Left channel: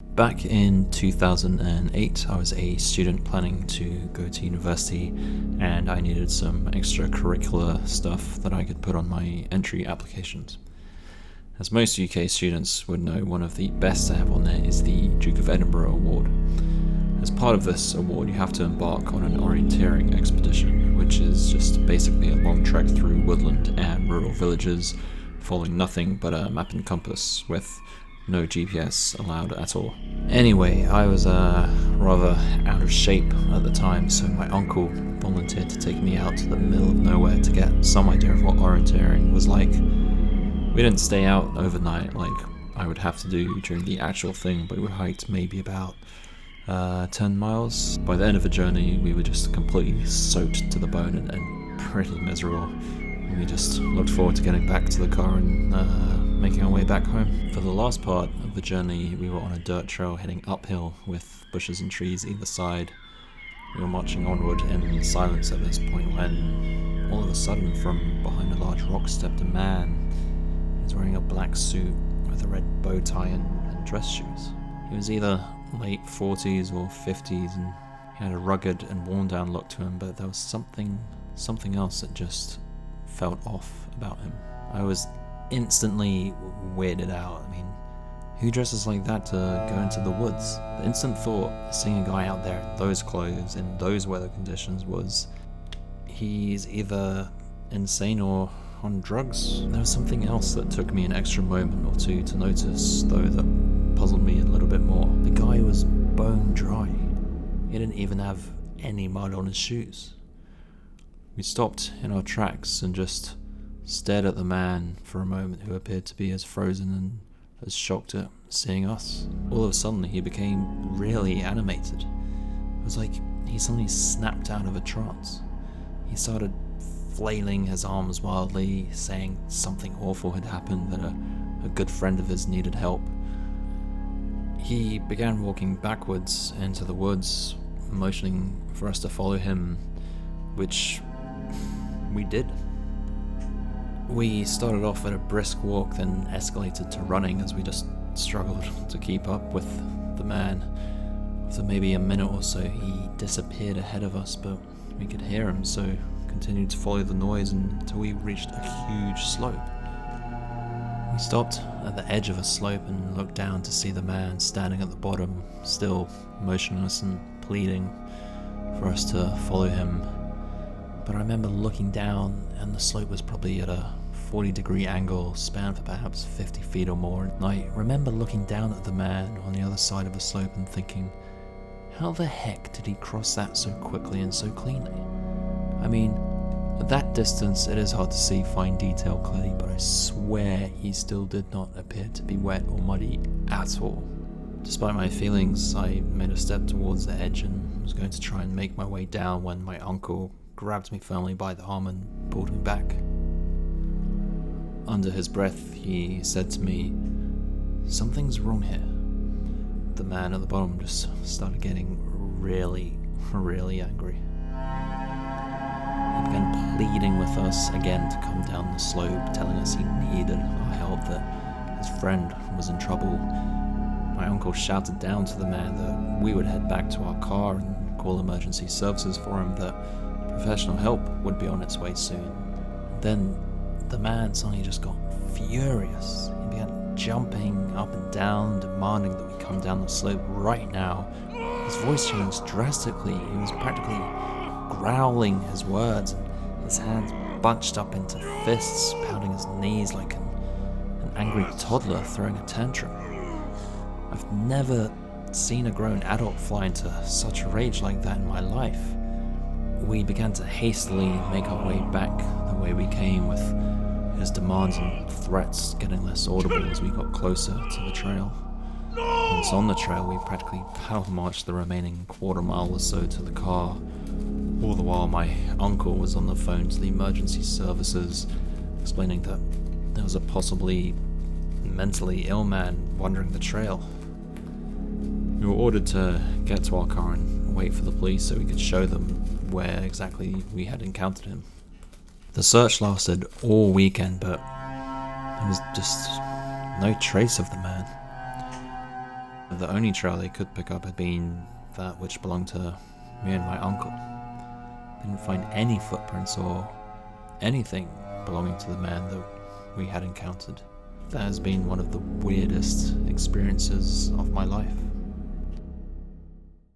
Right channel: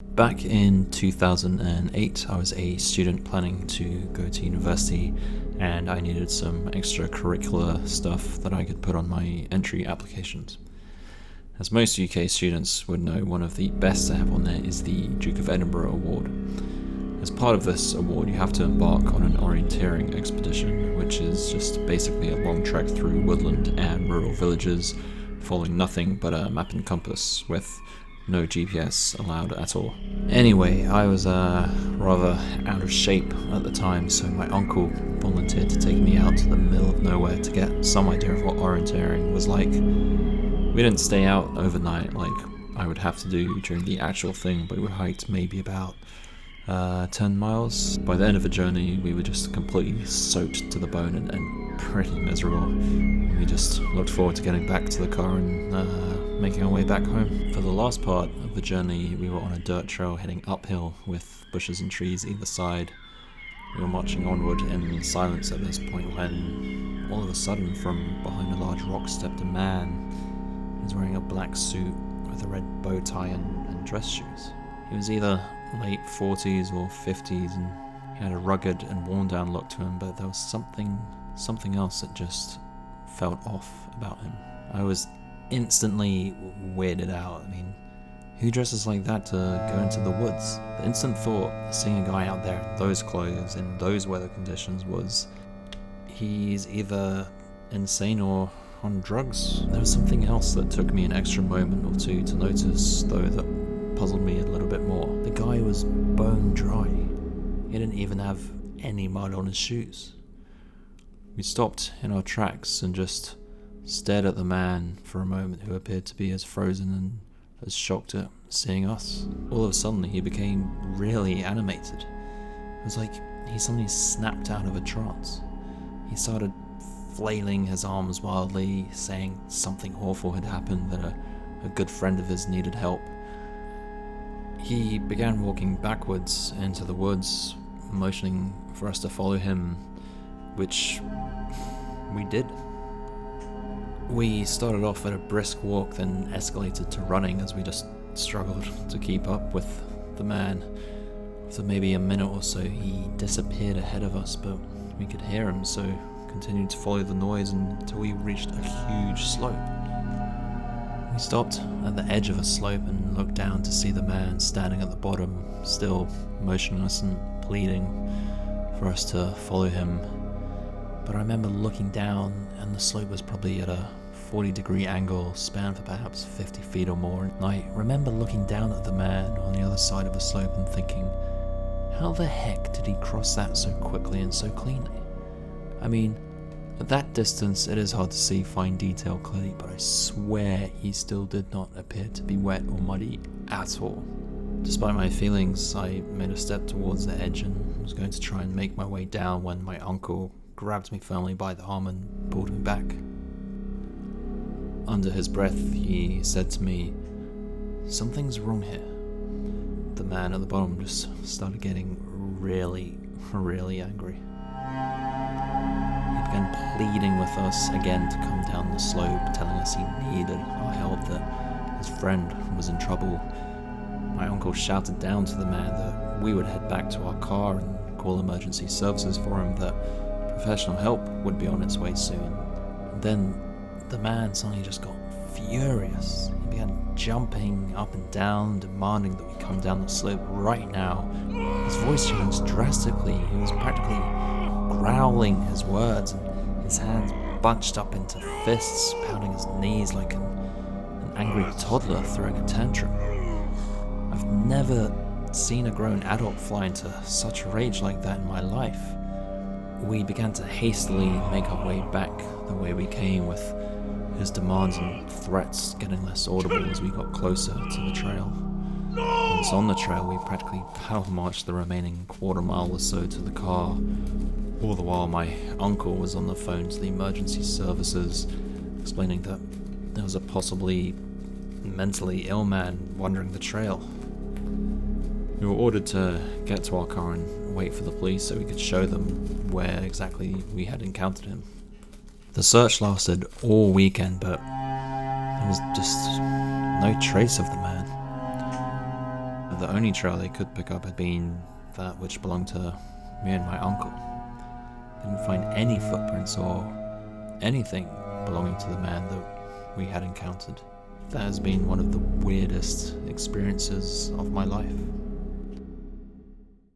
Back in 2008, I was a student planning to go to university, and I needed some extracurricular stuff that I could put on my entry applications. As most UK students would know, one of the best to have on there is the Duke of Edinburgh Award. As part of this award, you have to embark on an orienteering expedition, which is just basically a long trek through woodland and rural villages, following nothing but a map and compass, with no GPS allowed at all. Anyway, I was rather out of shape at the time, so my uncle volunteered to take me out to the middle of nowhere to get some idea of what orienteering was like. We didn't stay out overnight like I would have to do during the actual thing, but we hiked maybe about 10 miles. By the end of the journey, we were just completely soaked to the bone and pretty miserable. We just looked forward to getting back to the car and making our way back home. For the last part of the journey, we were on a dirt trail heading uphill with bushes and trees either side. We were marching onward in silence at this point when, all of a sudden, from behind a large rock stepped a man. He was wearing a black suit with a red bow tie and dress shoes. He was either late 40s or 50s, and he had a rugged and worn down look to him, but there was something else that just felt off about him. I was instantly weirded out. I mean, who dresses like that to go into the woods? The instant thought, seeing a guy out there in those clothes, in those weather conditions, was he's either insane or on drugs. There was something else that took me an extra moment or two to notice, though, that puzzled me a little bit more. The guy was bone dry. He didn't even have any mud on his shoes. We stopped in our tracks and just stared at the man for a moment, who appeared to be as frozen and as shocked at seeing us. All of a sudden, he became really animated. It was like he suddenly snapped out of a trance. He started flailing his arms wildly, saying something awful had happened, that a good friend of his needed help. He began walking backwards into the woods, motioning for us to follow him, which we did. We started off at a brisk walk, then escalated to running as we just struggled to keep up with the man. After maybe a minute or so, he disappeared ahead of us, but we could hear him, so continued to follow the noise until we reached a huge slope. We stopped at the edge of a slope and looked down to see the man standing at the bottom, still motionless and pleading for us to follow him. But I remember looking down, and the slope was probably at a 40-degree angle, spanned for perhaps 50 feet or more. And I remember looking down at the man on the other side of the slope and thinking, how the heck did he cross that so quickly and so cleanly? I mean, at that distance it is hard to see fine detail clearly, but I swear he still did not appear to be wet or muddy at all. Despite my feelings, I made a step towards the edge and was going to try and make my way down when my uncle grabbed me firmly by the arm and pulled me back. Under his breath, he said to me, "Something's wrong here." The man at the bottom just started getting really, really angry. He began pleading with us again to come down the slope, telling us he needed our help, that his friend was in trouble. My uncle shouted down to the man that we would head back to our car and call emergency services for him, that professional help would be on its way soon. And then the man suddenly just got furious. He began jumping up and down, demanding that we come down the slope right now. His voice changed drastically. He was practically growling his words, and his hands bunched up into fists, pounding his knees like an angry toddler throwing a tantrum. I've never seen a grown adult fly into such a rage like that in my life. We began to hastily make our way back the way we came, with his demands and threats getting less audible as we got closer to the trail. Once on the trail, we practically power marched the remaining quarter mile or so to the car, all the while my uncle was on the phone to the emergency services, explaining that there was a possibly mentally ill man wandering the trail. We were ordered to get to our car and wait for the police so we could show them where exactly we had encountered him. The search lasted all weekend, but there was just no trace of the man. the only trail they could pick up had been that which belonged to me and my uncle. They didn't find any footprints or anything belonging to the man that we had encountered. That has been one of the weirdest experiences of my life.